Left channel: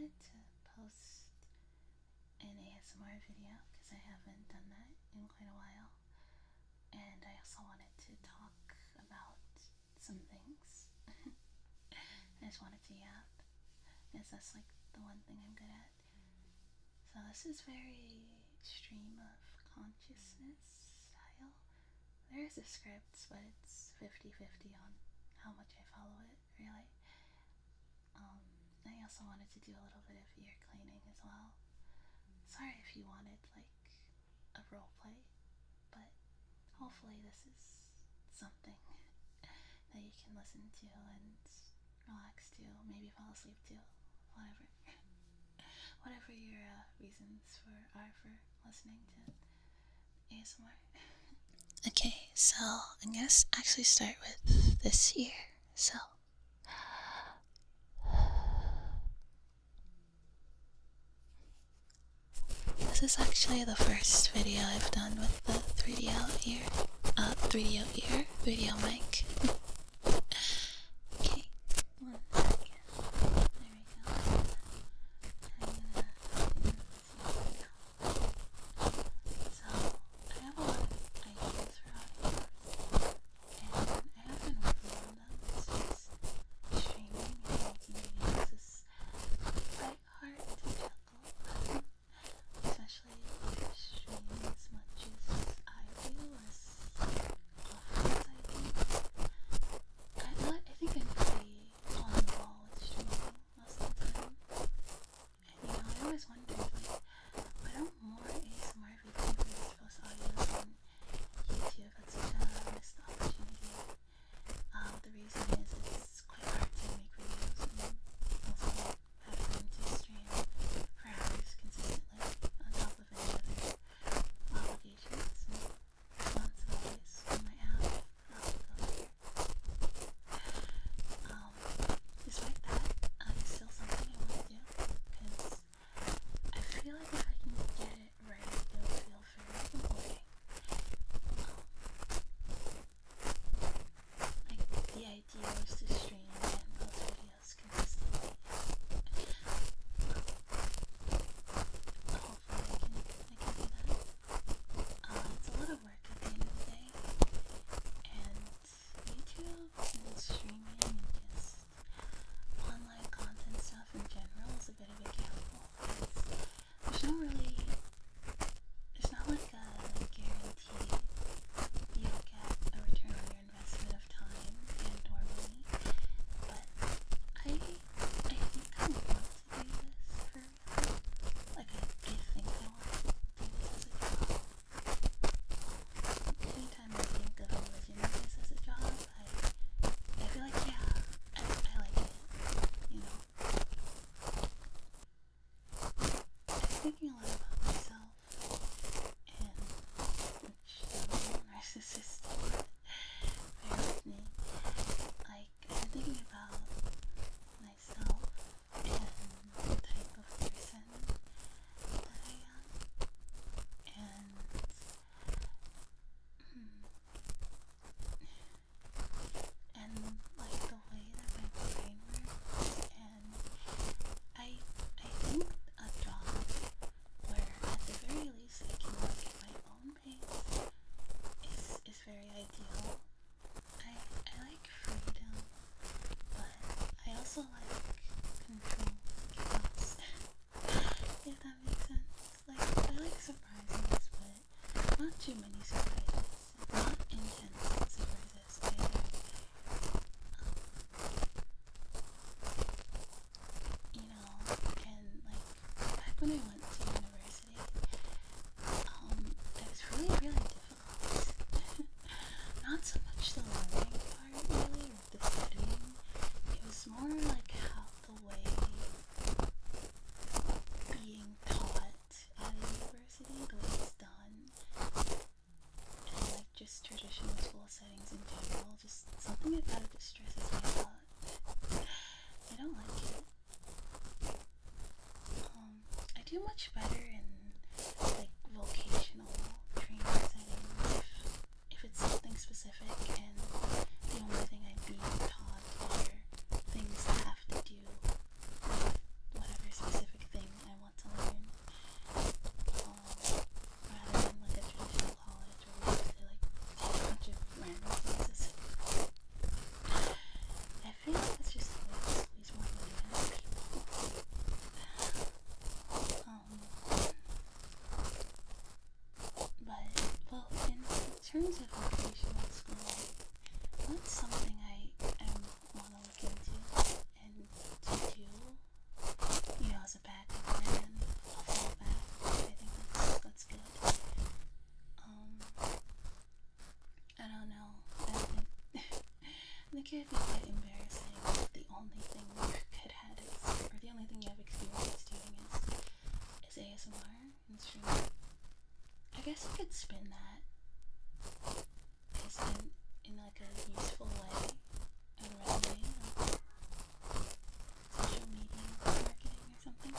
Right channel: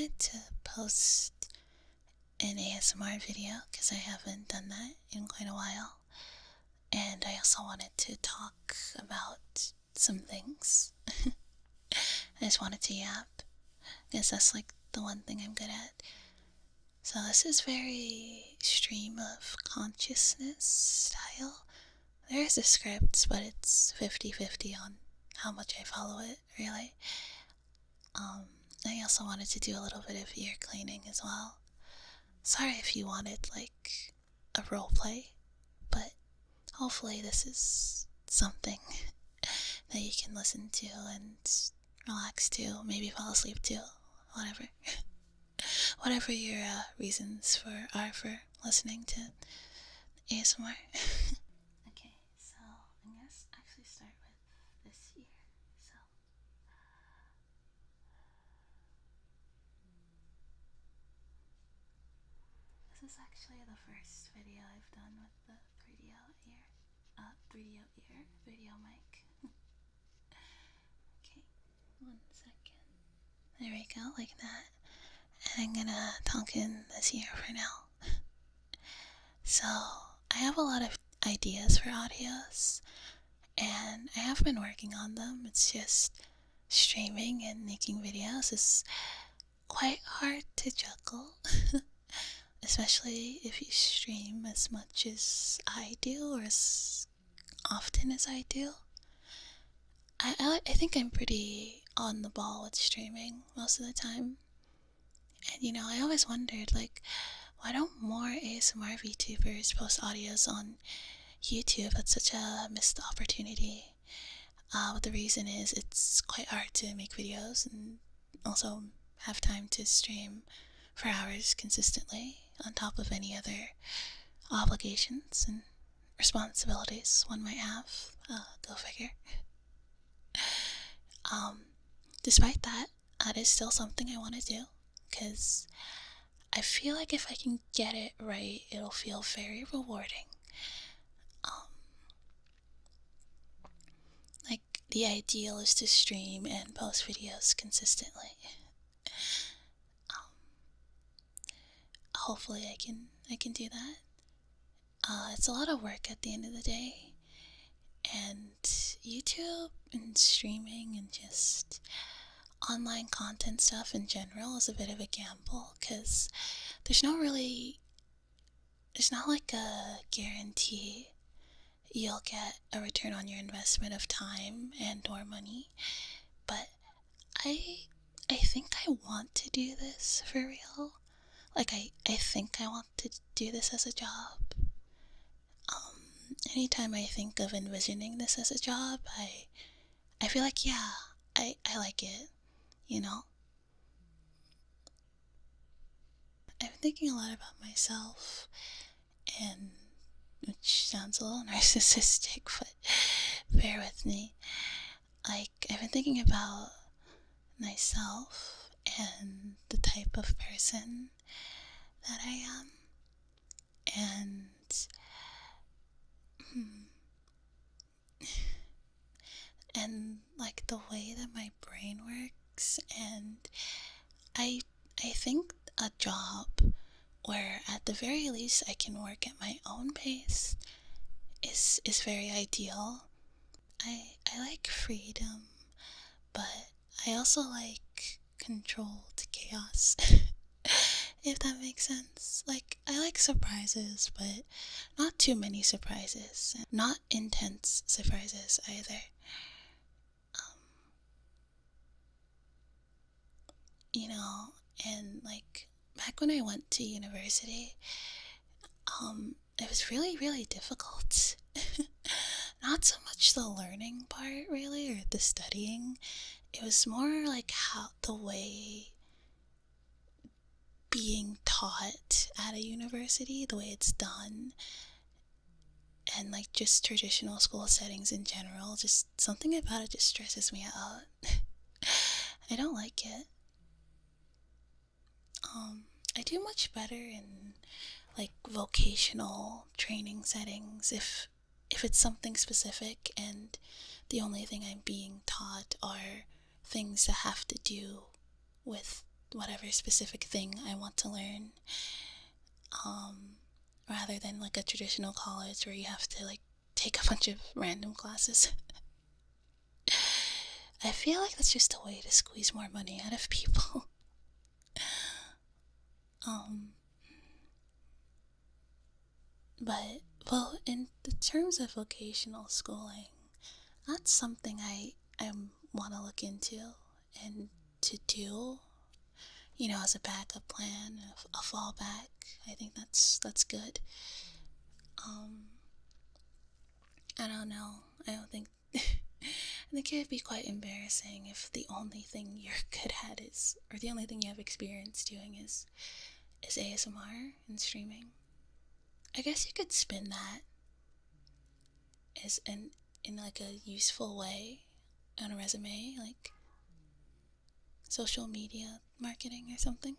wanted to post an ASMR video because I haven't done that in quite a while, and I also wanted to talk about some things. I just wanted to yap. I guess that's like the one thing I'm good at. So this is very stream of consciousness style. There is a script, but it's 50-50 on how much I follow it, really. I also wanted to do a little bit of ear cleaning as well. Sorry if you wanted, like, a roleplay, but hopefully this is something that you can listen to and relax to, maybe fall asleep to, whatever. Whatever your reasons are for listening to ASMR. Okay, so I'm gonna actually start with this here. So this is actually the first video I've done with the 3DO video mic. Okay, 1 second. There we go, like that. And I'm gonna talk in this ear for now. So I have a lot of ideas for audios, and I have been working on them. It's just streaming and making videos is quite hard to juggle. Especially if you stream as much as I do, or as often as I do. I think I'm pretty on the ball with streaming most of the time. And you know, I always wondered, like, why don't more ASMR VTubers post audios on YouTube? That's such a missed opportunity. But the reason is it's quite hard to make videos and also have time to stream for hours consistently on top of any other obligations and responsibilities one might have. Go figure. Despite that is still something I want to do, because I feel like if I can get it right, it'll feel very rewarding. Like, the ideal is to stream and post videos consistently. Hopefully I can do that. It's a lot of work at the end of the day, and YouTube and streaming and just online content stuff in general is a bit of a gamble, because there's not like a guarantee you'll get a return on your investment of time and or money. But I think I want to do this for real. Like, I think I want to do this as a job. Anytime I think of envisioning this as a job, I feel like, yeah, I like it, you know? I'm thinking a lot about myself, and which sounds a little narcissistic, but bear with me. Like, I've been thinking about myself and the type of person that I am, and like the way that my brain works, and I think a job where at the very least I can work at my own pace is very ideal. I like freedom, but I also like controlled chaos. If that makes sense. Like, I like surprises, but not too many surprises. Not intense surprises either. You know, and like, back when I went to university, it was really, really difficult. Not so much the learning part, really, or the studying. It was more like how the way being taught at a university, the way it's done, and like just traditional school settings in general. Just something about it just stresses me out. I don't like it. I do much better in like vocational training settings if it's something specific and the only thing I'm being taught are things that have to do with whatever specific thing I want to learn, rather than like a traditional college where you have to like take a bunch of random classes. I feel like that's just a way to squeeze more money out of people. But, well, in the terms of vocational schooling, that's something I want to look into and to do, you know, as a backup plan, a fallback. I think that's good. I don't know. I don't think I think it would be quite embarrassing if the only thing you're good at is, or the only thing you have experience doing is ASMR and streaming. I guess you could spin that as in like a useful way on a resume, like social media marketing or something.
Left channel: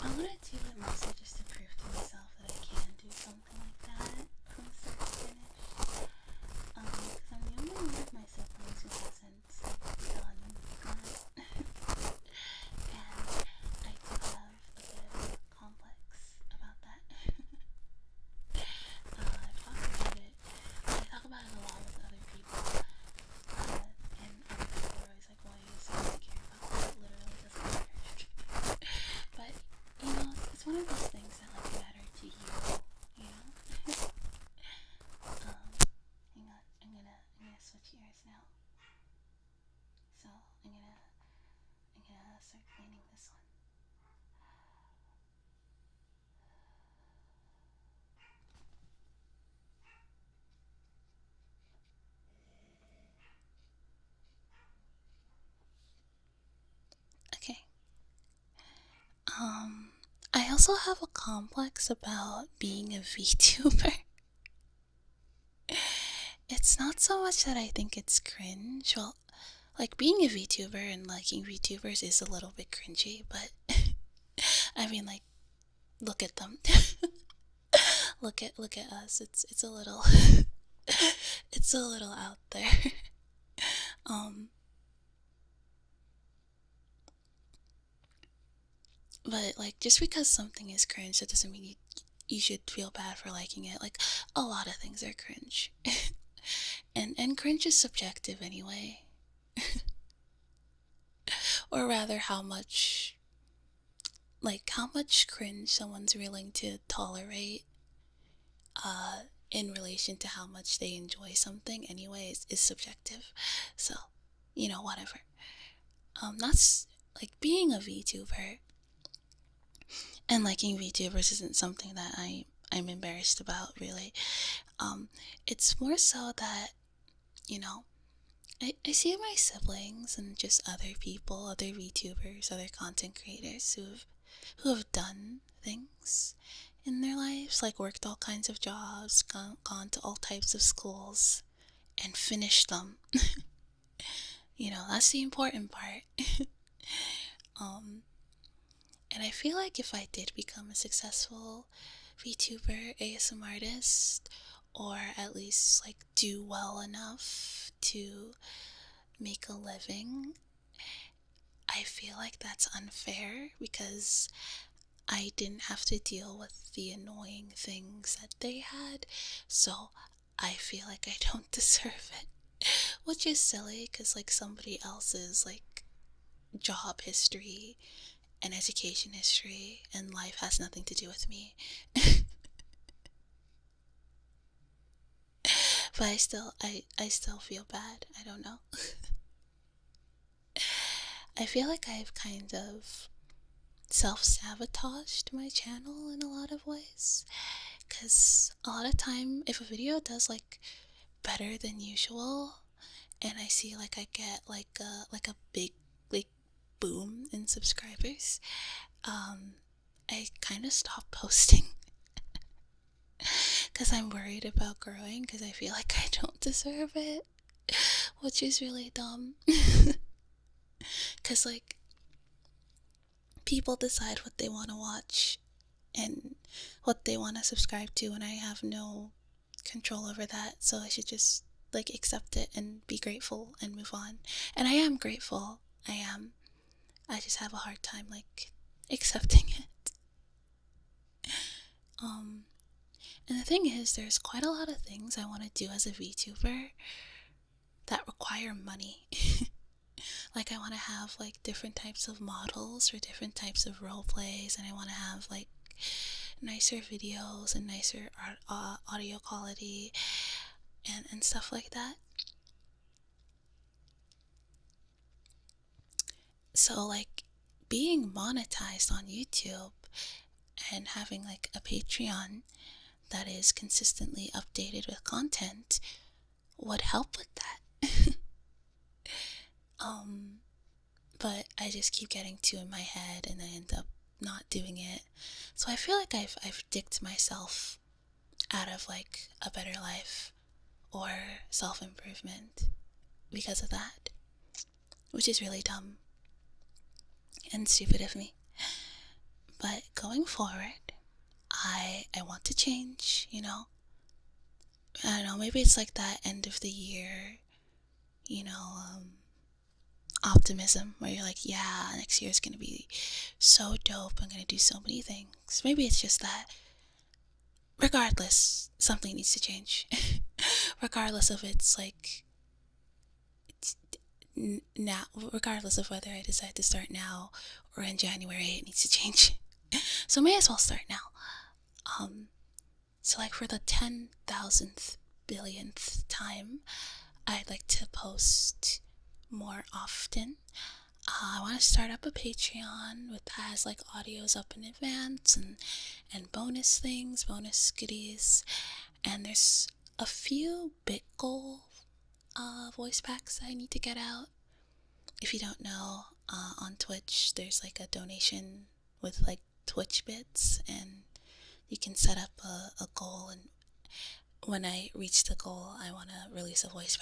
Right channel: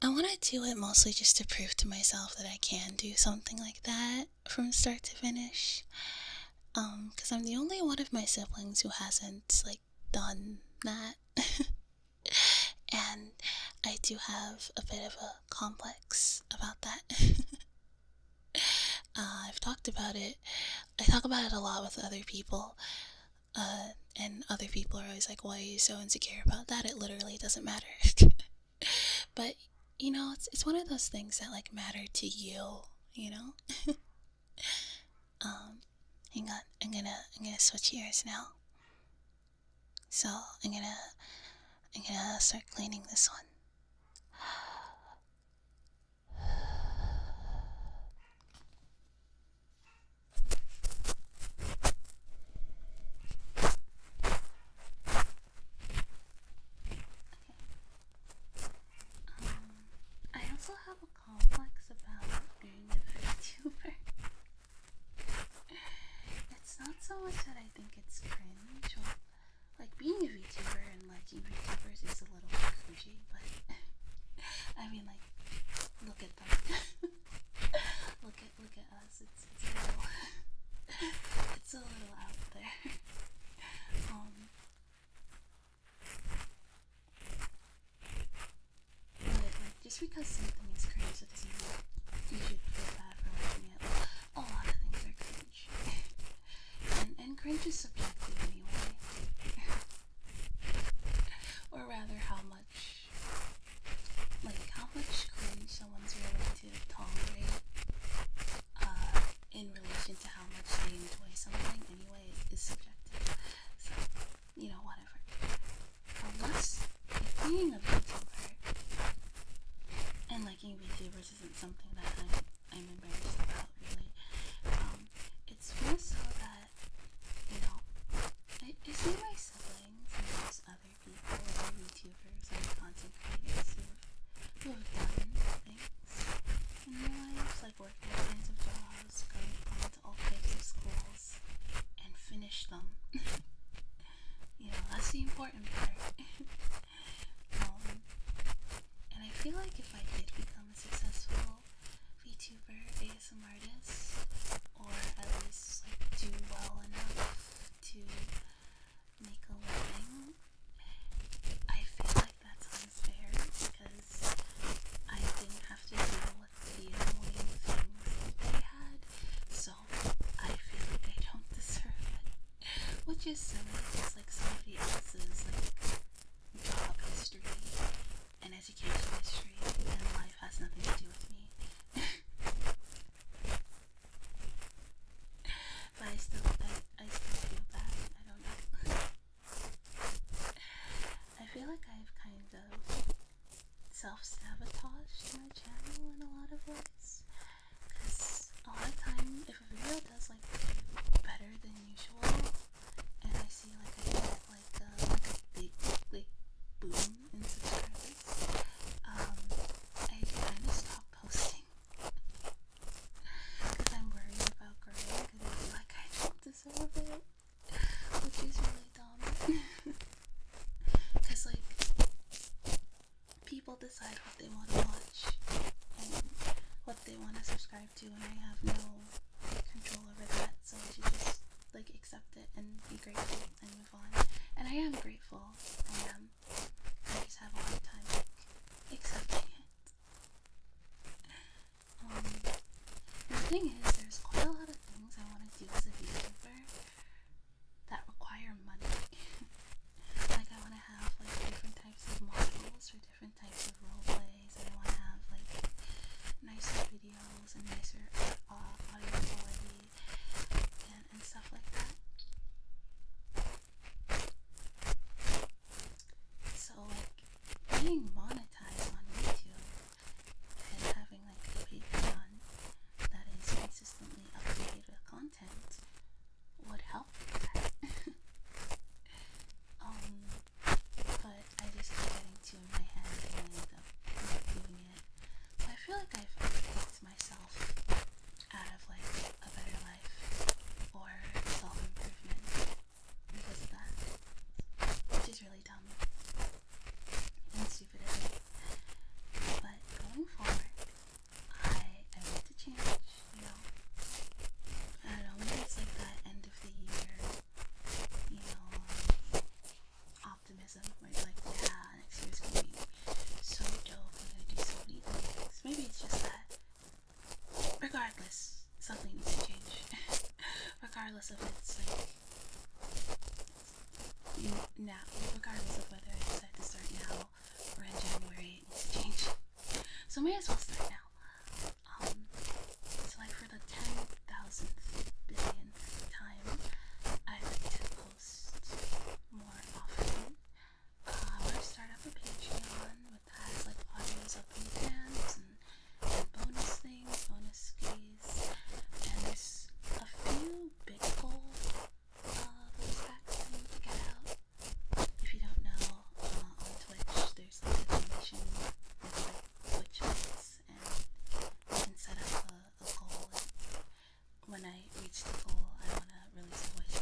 I want to do it mostly just to prove to myself that I can do something like that from start to finish. Because I'm the only one of my siblings who hasn't, like, done that. And I do have a bit of a complex about that. I've talked about it. I talk about it a lot with other people. And other people are always like, why are you so insecure about that? It literally doesn't matter. But, you know, it's one of those things that, like, matter to you know? Hang on, I'm gonna switch ears now. So, I'm gonna start cleaning this one. Okay. I also have a complex about being a VTuber. It's not so much that I think it's cringe. Well, like, being a VTuber and liking VTubers is a little bit cringy, but I mean, like, look at them. look at us. It's a little it's a little out there. But like, just because something is cringe, that doesn't mean you should feel bad for liking it. Like, a lot of things are cringe. and cringe is subjective anyway. Or rather, how much cringe someone's willing to tolerate in relation to how much they enjoy something anyways is subjective. So, you know, whatever. That's like, being a VTuber and liking VTubers isn't something that I'm embarrassed about, really. It's more so that, you know, I see my siblings and just other people, other VTubers, other content creators who have done things in their lives, like worked all kinds of jobs, gone to all types of schools, and finished them. You know, that's the important part. And I feel like if I did become a successful VTuber, ASM artist, or at least like do well enough to make a living, I feel like that's unfair because I didn't have to deal with the annoying things that they had, so I feel like I don't deserve it. Which is silly because, like, somebody else's, like, job history and education history and life has nothing to do with me. But I still feel bad. I don't know. I feel like I've kind of self-sabotaged my channel in a lot of ways. Because a lot of time, if a video does, like, better than usual, and I see, like, I get, like a big, like, boom in subscribers, I kind of stop posting. Because I'm worried about growing, because I feel like I don't deserve it. Which is really dumb. Because, like, people decide what they want to watch and what they want to subscribe to, and I have no control over that, so I should just like accept it and be grateful and move on. And I am grateful. I am. I just have a hard time like accepting it. And the thing is, there's quite a lot of things I want to do as a VTuber that require money. Like I want to have like different types of models for different types of role plays, and I want to have like nicer videos and nicer audio quality and stuff like that. So like being monetized on YouTube and having like a Patreon that is consistently updated with content would help with that. But I just keep getting too in my head and I end up not doing it. So I feel like I've dicked myself out of like a better life or self-improvement because of that, which is really dumb and stupid of me. But going forward, I want to change, you know. I don't know, maybe it's like that end of the year, you know, optimism where you're like, yeah, next year's gonna be so dope, I'm gonna do so many things. Maybe it's just that regardless, something needs to change. Regardless of it's like now, regardless of whether I decide to start now or in January, it needs to change. So may as well start now. So like for the 10,000th billionth time, I'd like to post more often. I want to start up a Patreon that has like audios up in advance and bonus things, bonus goodies. And there's a few BitGold voice packs that I need to get out. If you don't know, on Twitch there's like a donation with like Twitch bits, and you can set up a goal, and when I reach the goal I want to release a voice